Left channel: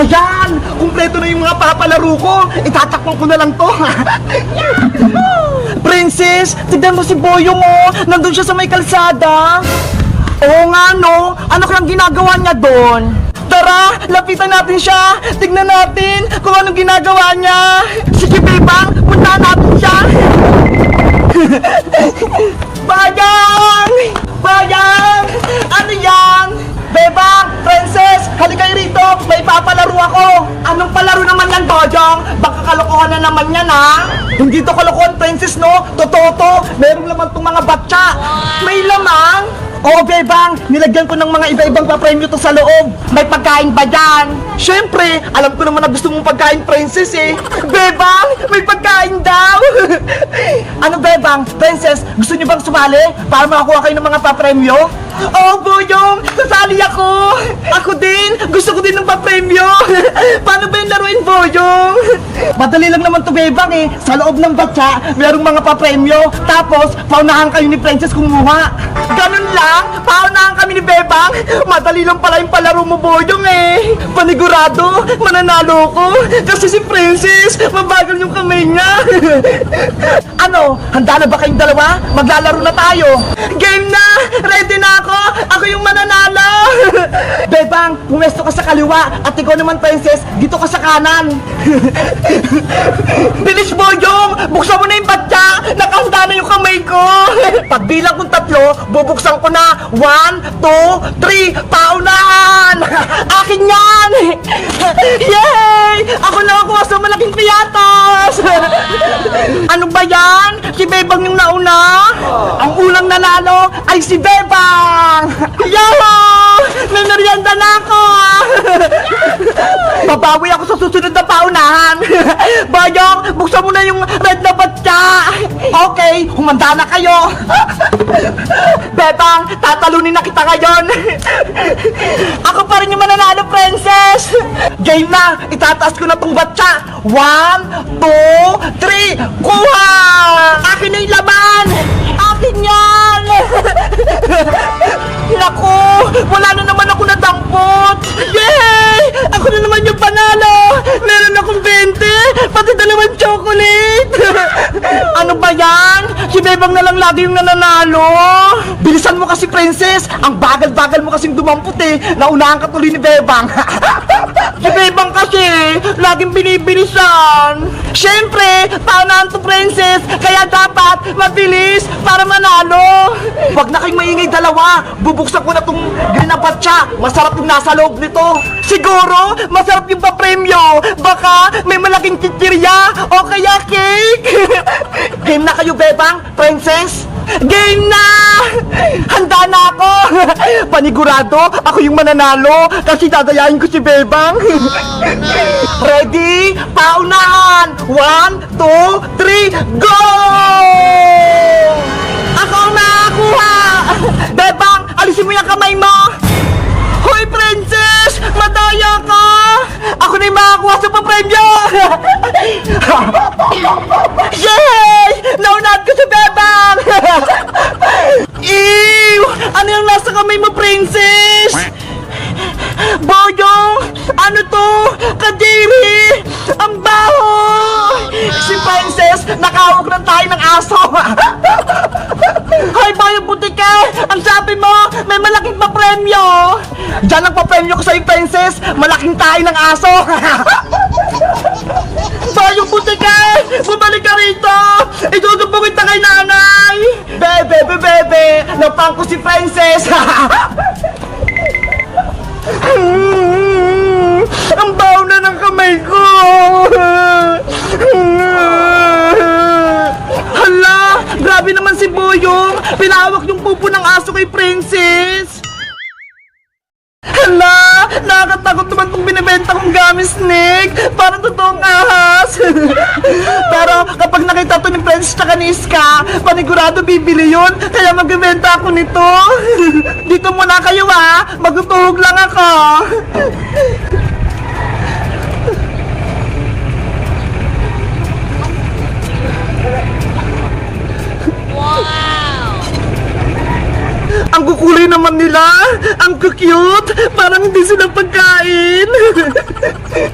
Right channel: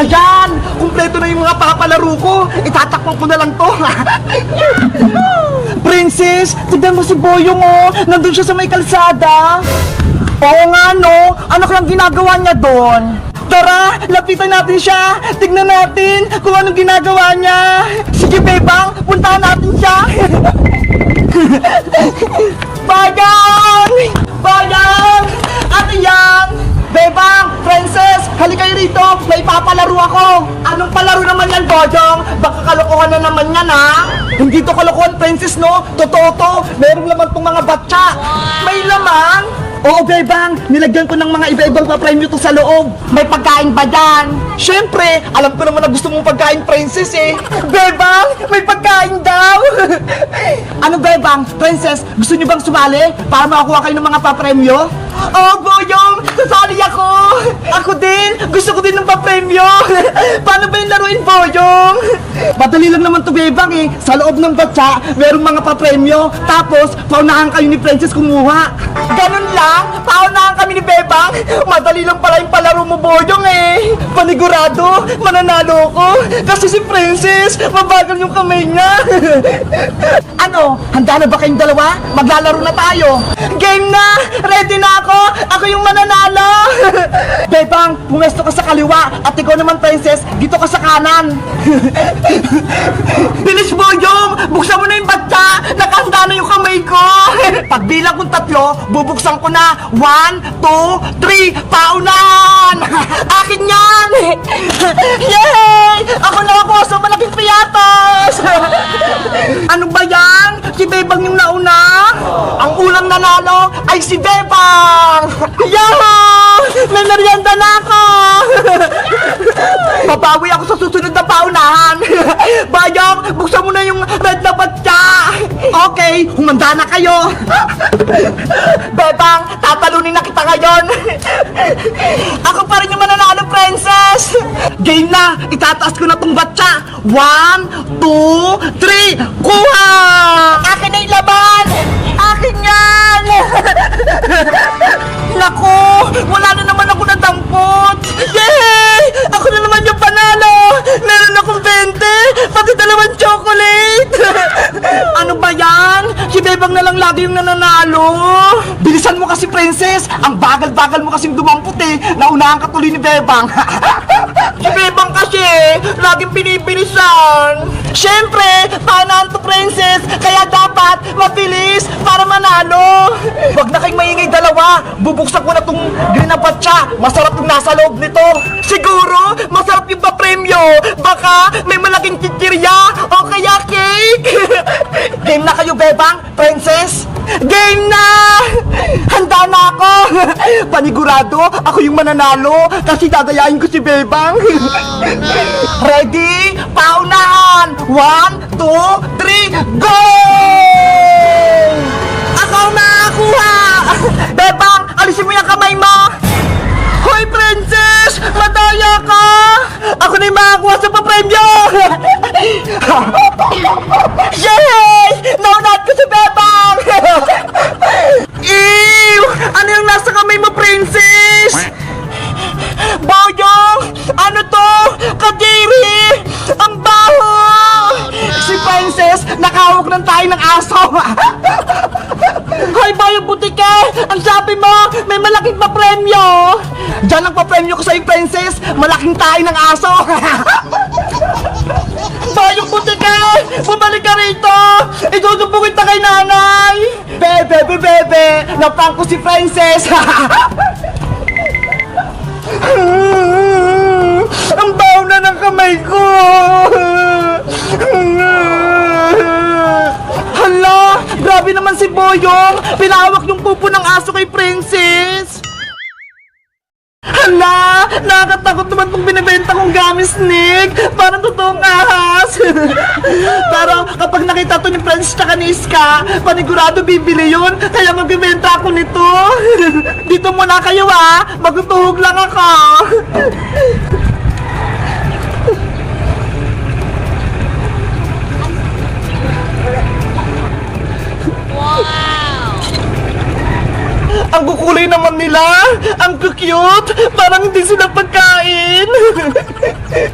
Ayan! Kumpleto na yung mga papalaro ko. Itatakpan ko na lang to. Princess, tignan mo si Boyong oh. Nandun siya sa may kalsada. Oo nga no. Ano kang ginagawa niya doon? Tara, lapitan natin siya. Tignan natin kung anong ginagawa niya. Sige, Bebang, puntahan natin siya. Bayang! Bayang! Ate Yang! Bebang! Princess! Halika kayo rito! May papalaro ako! Anong palaro naman yan, Bojong? Baka kalokohan na naman yan, ha? Hindi to kalokohan, Princess, no? Totoo to! Meron naman tong mga batsa! May lamang! Oo, Bebang! Nilagyan ko ng mga iba-ibang papremyo to sa loob! May pagkain ba yan? Siyempre! Alam ko naman na gusto mong pagkain, Princess, eh! Bebang! May pagkain daw! Ano, Bebang? Princess, gusto niyo bang sumali para makakuha kayo ng mga papremyo? Oh, Boyong! Sasali ako! Ako din! Gusto ko din ng papremyo! Paano ba yung laruin, Boyong? Madali lang naman to, Bebang, eh. Sa loob ng batsa, merong mga papremyo. Tapos, paunahan kayo ni Princess kumuha. Ganun lang? Paunahan kami ni Bebang? Madali lang pala yung palaro mo, Boyong, eh. Panigurado, mananalo ko. Kasi si Princess, mabagal yung kamay niya. Ano? Handa na ba kayong dalawa? Maglalaro na tayo. Game na! Ready na ako! Ako yung mananalo! Bebang, pumesto ka sa kaliwa at ikaw naman, Princess, dito ka sa kanan. Bilis, Boyong! Buksan mo na yung batsa! Nakahanda na yung kamay ko! Pagbilang kong 3, bubuksan ko na. 1, 2, 3, paunahan! Akin yan! Yay! Ako nakakuha sa malaking piyatos! Ano ba yan? Si Bebang yung nauna? Ang unang nanalo ay si Bebang! Yahoo! Nanarianda na ako! Babawi ako sa susunod na paunahan! Bayong, buksan mo na yung red na batya! Okay, humanda na kayo! Bebang, tatalunin na kita ngayon! Ako pa rin yung mananalo, Princess! Game na! Itataas ko na tong batya! 1, 2, 3, kuha! Akin na yung laban! Akin yan! Naku! Wala na naman ako nadampot! Yay! Ako na naman yung panalo! Meron akong 20! Pati 2 chocolate! Ano ba yan? Si Bebang na lang lagi yung nananalo! Bilisan mo kasi, Princess! Ang bagal-bagal mo kasing dumampot eh! Naunahan ka tuloy ni Bebang! Si Bebang kasi laging binibilisan! Siyempre! Paunahan to, Princess! Kaya dapat mabilis para manalo! Huwag na kayong maingay dalawa! Bubuksan ko na tong green na batsa! Masarap yung nasa loob nito! Siguro, masarap yung papremyo! Baka may malaking kikirya o kaya cake! Game na kayo, Bebang! Princess! Game na! Handa na ako! Panigurado, ako yung mananalo kasi dadayain ko si Bebang! Ready? Paunahan! 1, 2, 3, go! Ako ang nakakuha! Bebang, alisin mo yung kamay mo! Hoy, Princess! Madaya ka! Ako na yung makakuha sa papremyo! Yay! Naunahan ko si Bebang! Ew! Ano yung nasa kamay mo, Princess? Boyong! Ano to? Kadiri! Ang baho! Si Princess, nakahawak ng tayo ng aso! Hoy, Boyong Butike! Ang sabi mo, may malaking papremyo! Diyan ang papremyo ko sa'yo, Princess! Malaking tayo ng aso! Boyong Butike! Bumalik ka rito! Idudubugin ta kay nanay! Bebe! Napang ko si Princess! Ang baho na ng kamay ko! Hala! Grabe naman si Boyong! Pinahawak yung pupo ng aso kay Princess! Hala! Nakakatakot naman kung binibenta kong gummy snake! Parang totoong ahas! Pero kapag nakita to ni Princess tsaka ni Iska, panigurado bibili yun! Kaya magbibenta ako nito! Dito muna kayo magtutuhog lang ako! Ang kukulay naman nila! Ang cute! Parang hindi sila pagkain! Ayan!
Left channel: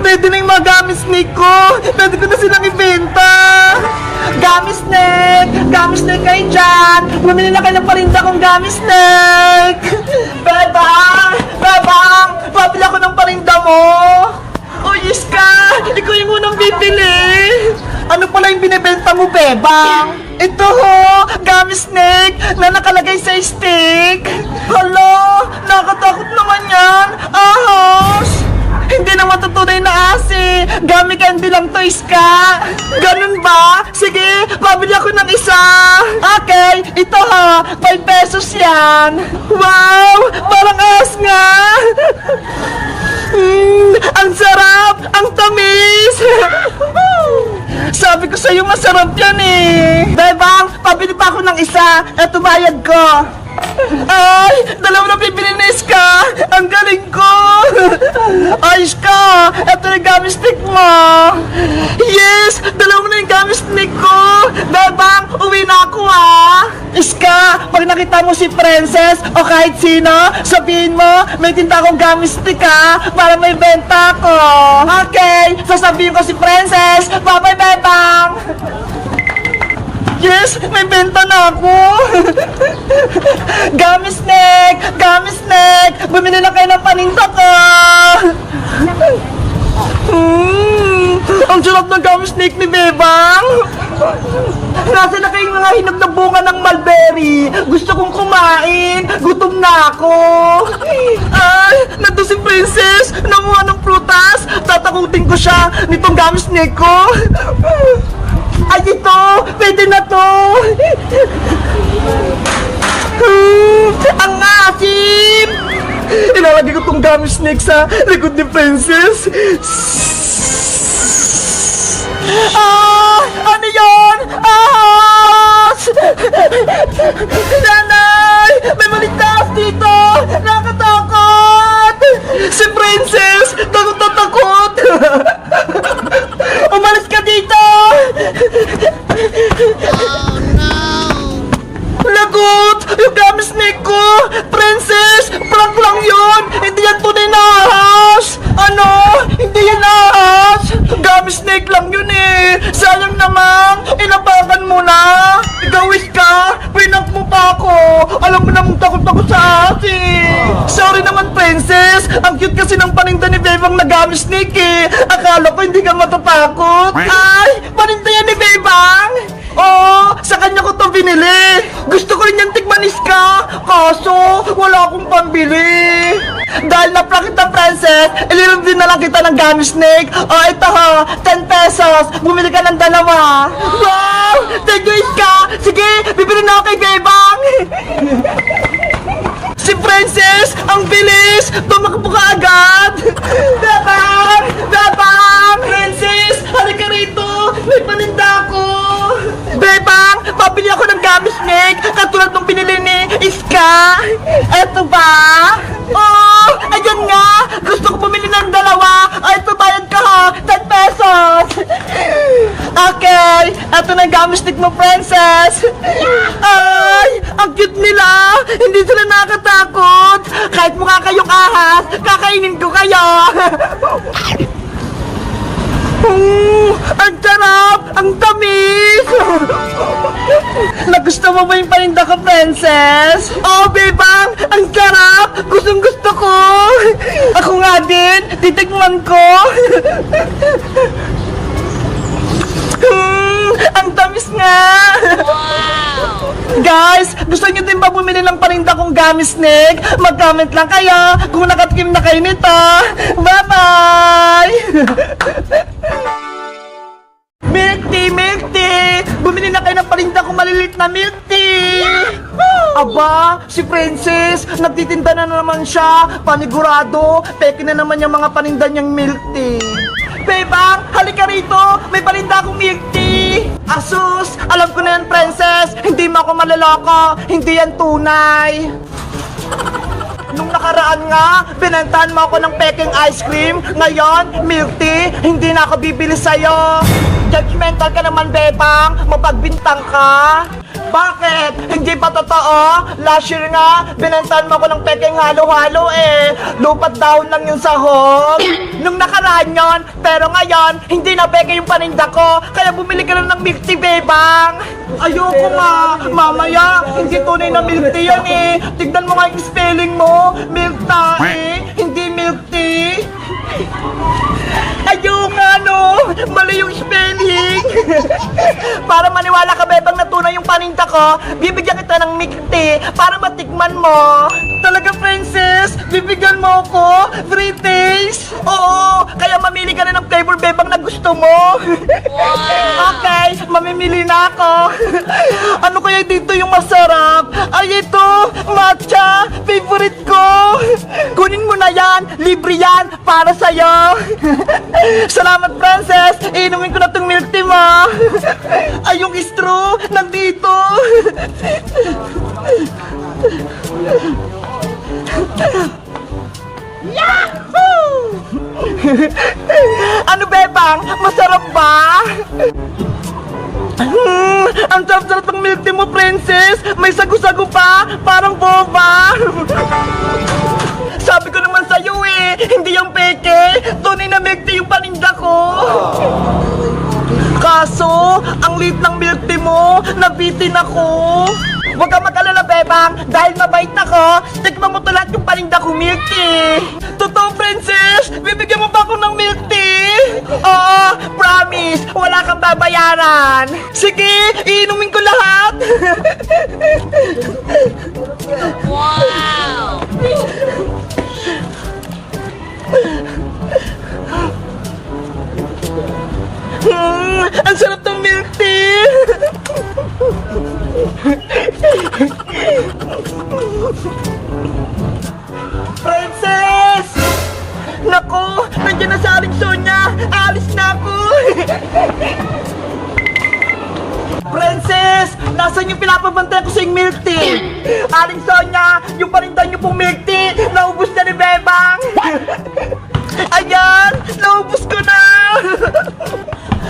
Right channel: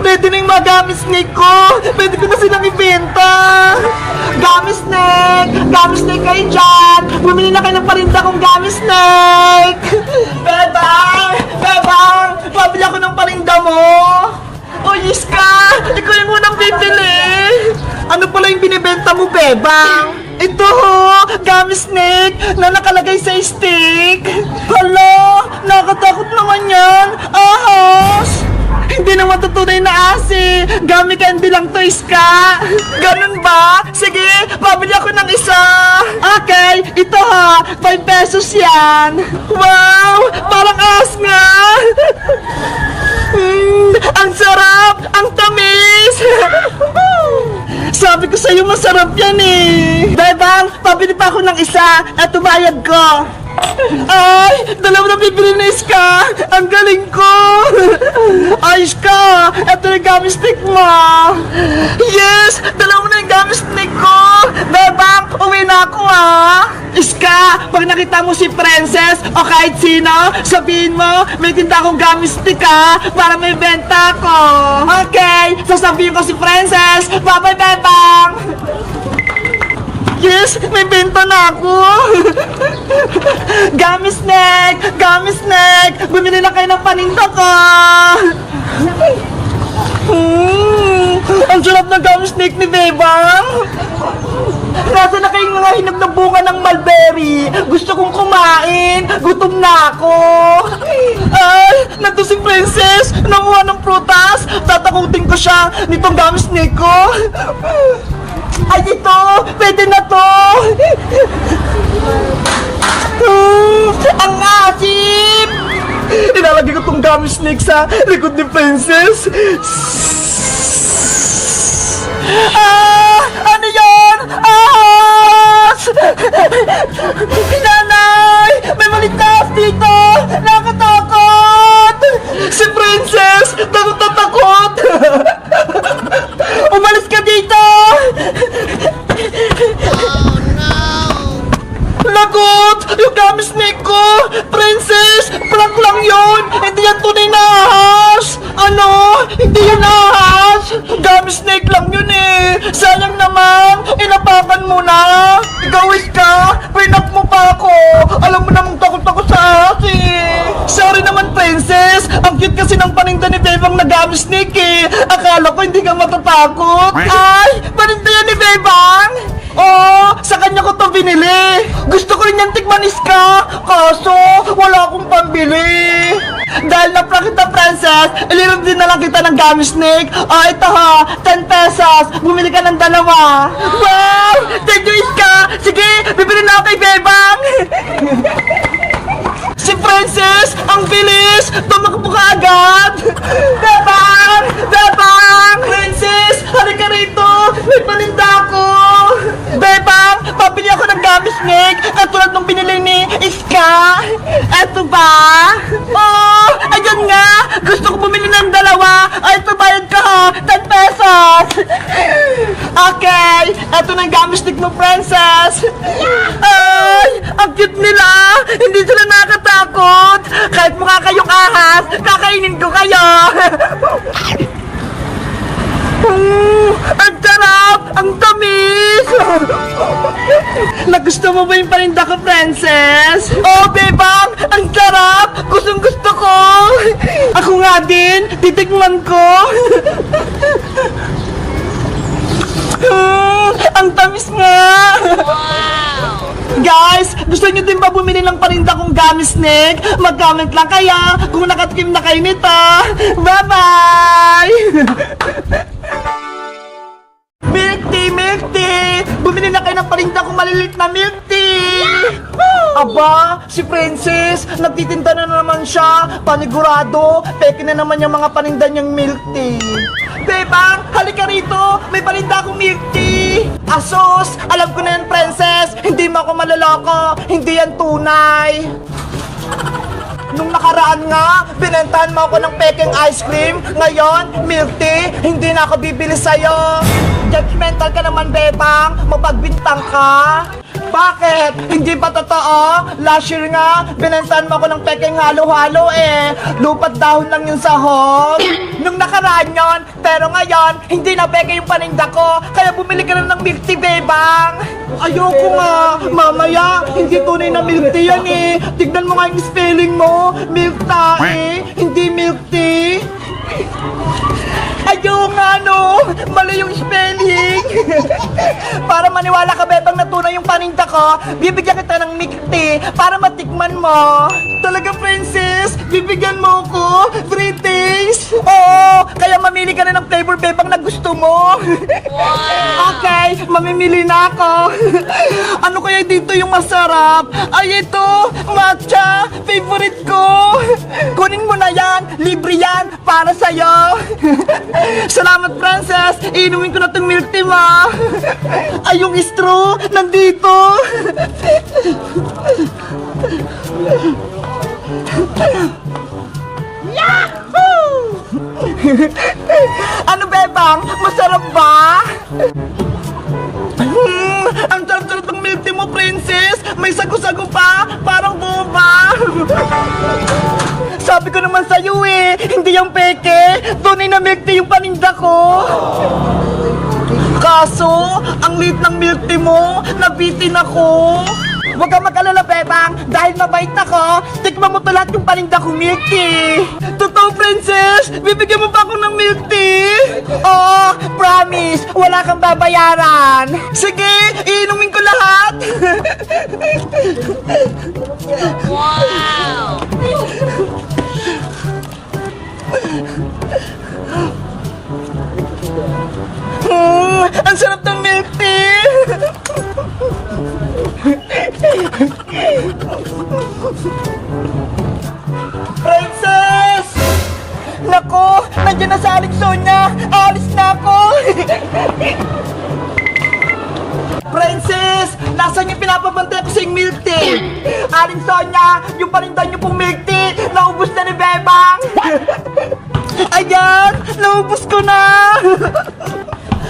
Ready na yung mga gummy snake ko! Ready ko na silang ibenta! Gummy snake! Gummy snake kayo dyan! Bumili na kayo ng parinda kong gummy snake! Bebang! Bebang! Pabili ako ng parinda mo! O yes ka! Ikaw yung unang bibili! Ano pala yung binibenta mo, Bebang? Ito ho! Gummy snake na nakalagay sa stick! Hala! Nakatakot naman yan! Ahas! Hindi na matutunay na asi. Gummy candy lang to, Iska. Ganun ba? Sige, pabili ako ng isa. Okay, ito ha. 5 pesos yan. Wow! Parang as nga. Ang sarap! Ang tamis! Sabi ko sa'yo masarap yan eh. Bebang, pabili pa ako ng isa. Eto bayad ko. Ay! Dalawa na bibili na Iska! Ang galing ko! Ay, Iska! Ito na yung gummy stick mo! Yes! Dalawa na yung gummy stick ko! Bebang! Uwi na ako ah! Iska! Pag nakita mo si Princess o kahit sino, sabihin mo, may tinda akong gummy stick ha! Para may benta ako! Okay! Sasabihin ko si Princess! Bye-bye, Bebang! Yes! May benta na ako! Gummy snake! Gummy snake! Bumili lang kayo ng paninda ko! Ang sarap ng gummy snake ni Bebang! Nasa na kayong mga hinog na bunga ng mulberry? Gusto kong kumain! Gutom na ako! Ay! Nandun si Princess! Nanguha ng prutas! Tatakutin ko siya nitong gummy snake ko! Ay, ito! Pwede na to! Ang asim! Ilalagay ko tong gummy snake sa likod ni Princess. Ah! Ano yun? Ahas! Nanay! May malitas dito! Nakatakot! Si Princess! Takot na takot! Umalis ka dito! Oh no! Lagot! Yung gummy snake ko! Princess! Prank lang yun! Hindi yan tunay na ahas! Ano? Hindi yan ahas! Gummy snake lang yun eh! Sayang naman! Inapakan mo na! Ikaw ka! Pinak mo pa ako! Alam mo namang takot ako sa ahas eh! Sorry naman, Princess! Ang cute kasi ng paninda ni Bebang na gummy snake eh! Akala ko hindi ka matatakot! Ay! Paninda yan ni Bebang! Oh, sa kanya ko to binili. Gusto ko rin yung tikman Iska. Kaso, wala akong pambili. Dahil na-prank kita, Princess, ilirap din na lang kita ng gummy snake. Oh, ito ha, 10 pesos. Bumili ka ng dalawa. Wow! Thank you, Iska. Sige, bibili na ako kay Bebang. Si Princess, ang bilis. Tumakbo ka agad. Bebang! Bebang! Princess, halika rito. May paninda ako. Bebang, pabili ako ng gummy snake katulad ng binili ni Iska. Eto ba? Oh, ayun nga. Gusto ko bumili ng dalawa. Oh, ito bayad ka ha. 10 pesos. Okay, eto na yung gummy snake mo, Princess. Ay, ang cute nila. Hindi sila nakakatakot. Kahit mukha kayong ahas, kakainin ko kayo. Ang sarap! Ang tamis! Nagusto mo ba yung paninda ko, Princess? Oh, Bebang! Ang sarap! Gustong gusto ko! Ako nga din! Titikman ko! Ang tamis nga! Wow! Guys, gusto nyo din ba bumili ng paninda kong gummy snake? Mag-comment lang kayo kung nakatikim na kayo nito. Bye-bye! Milk tea, milk tea! Bumili na kayo ng paninda kong malilit na milk tea! Aba, si Princess, nagtitinda na naman siya. Panigurado, peke na naman yung mga paninda niyang milk tea. Bebang, halika rito! May paninda akong milk tea! Asus! Alam ko na yan, Princess! Hindi mo ako maloloko! Hindi yan tunay! Nung nakaraan nga, binentahan mo ako ng peking ice cream. Ngayon, milk tea, hindi na ako bibili sa'yo. Judgmental ka naman, Bebang. Mapagbintang ka. Bakit? Hindi ba totoo? Last year nga, binantahan mo ko ng pekeng halo-halo eh. Lupat dahon lang yung sahog. Nung nakaraan yon, pero ngayon, hindi na peke yung paninda ko. Kaya bumili ka na ng milk tea, Bebang. Ayoko nga. Mamaya, hindi tunay na milk tea yan eh. Tignan mo nga yung spelling mo. Milk tea, hindi milk tea. Ayun nga no, mali yung spelling. Para maniwala ka, Bebang, na tunay yung paninda ko, bibigyan kita ng milk tea para matikman mo. Talaga, Princess? Bibigyan mo ako? 3 days? Oo, kaya mamili ka na ng flavor, Bebang, na gusto mo. Okay, mamimili na ako. Ano kaya dito yung masarap? Ay, ito, matcha, favorite ko. Kunin mo na yan, libre yan, para sa'yo. Salamat, Princess. Inumin ko na tong milk tea mo. Ay, yung straw, nandito. Yahoo! Ano, Bebang? Masarap ba? Ang sarap-sarap ng milk tea mo, Princess. May sago-sago pa, parang boba. Sabi ko naman sa'yo eh, hindi yung peke. Tunay na milk tea yung paninda ko. Kaso, ang liit ng milk tea mo, nabitin ako. Huwag kang mag-alala, Bebang. Dahil mabait ako, tikman mo to lahat yung paninda kong milk tea. Totoo, Princess? Bibigyan mo ba ako ng milk tea? Oo, promise. Wala kang babayaran. Sige, iinumin ko lahat. Wow! Ang sarap ng milk tea. Princess! Nako, nandiyan na sa Aling Sonia. Alis na ako. Princess! Nasaan yung pinapabantay ko sa yung milk tea? Aling Sonia, yung paninda niyo pong milk tea, naubos na ni Bebang. Ayan, naubos ko na.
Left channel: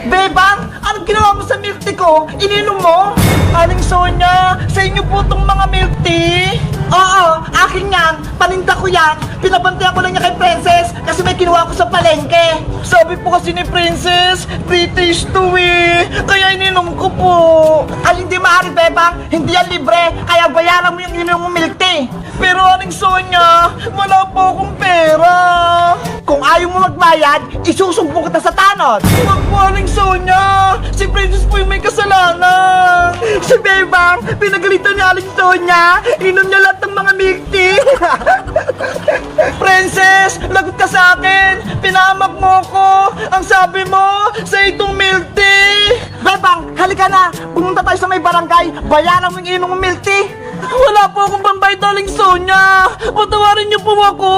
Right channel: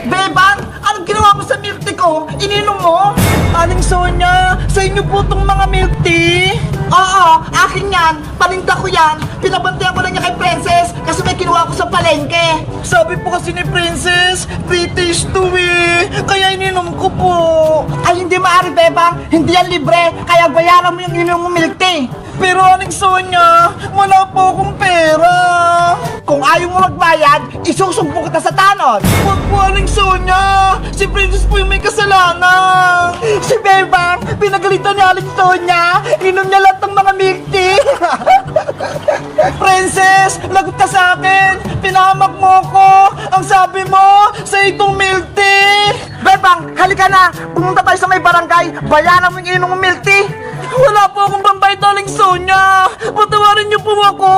Bebang, anong ginawa mo sa milk tea ko? Ininom mo? Aling Sonia, sa inyo po tong mga milk tea? Oo, akin yan. Paninda ko yan. Pinabantayan ko na niya kay Princess kasi may kinuha ko sa palengke. Sabi po kasi ni Princess, British to eh. Kaya ininom ko po. Ay, hindi maaari, Bebang. Hindi yan libre. Kaya bayaran mo yung ininom mo milk tea. Pero Aling Sonia, wala po akong pera. Kung ayaw mo magbayad, isusumbong kita sa tanod. Huwag po, Aling Sonia. Si Princess po yung may kasalanan. Si Bebang, pinagalitan niya Aling Sonia. Inom niya lahat ng mga milk tea. Princess, lagot ka sa akin. Pinahamak mo ko. Ang sabi mo, sa itong milk tea. Bebang, halika na. Pumunta tayo sa may barangay. Bayaran mo yung inom ng milk tea. Wala po akong pambayad, Aling Sonia. Patawarin niyo po ako.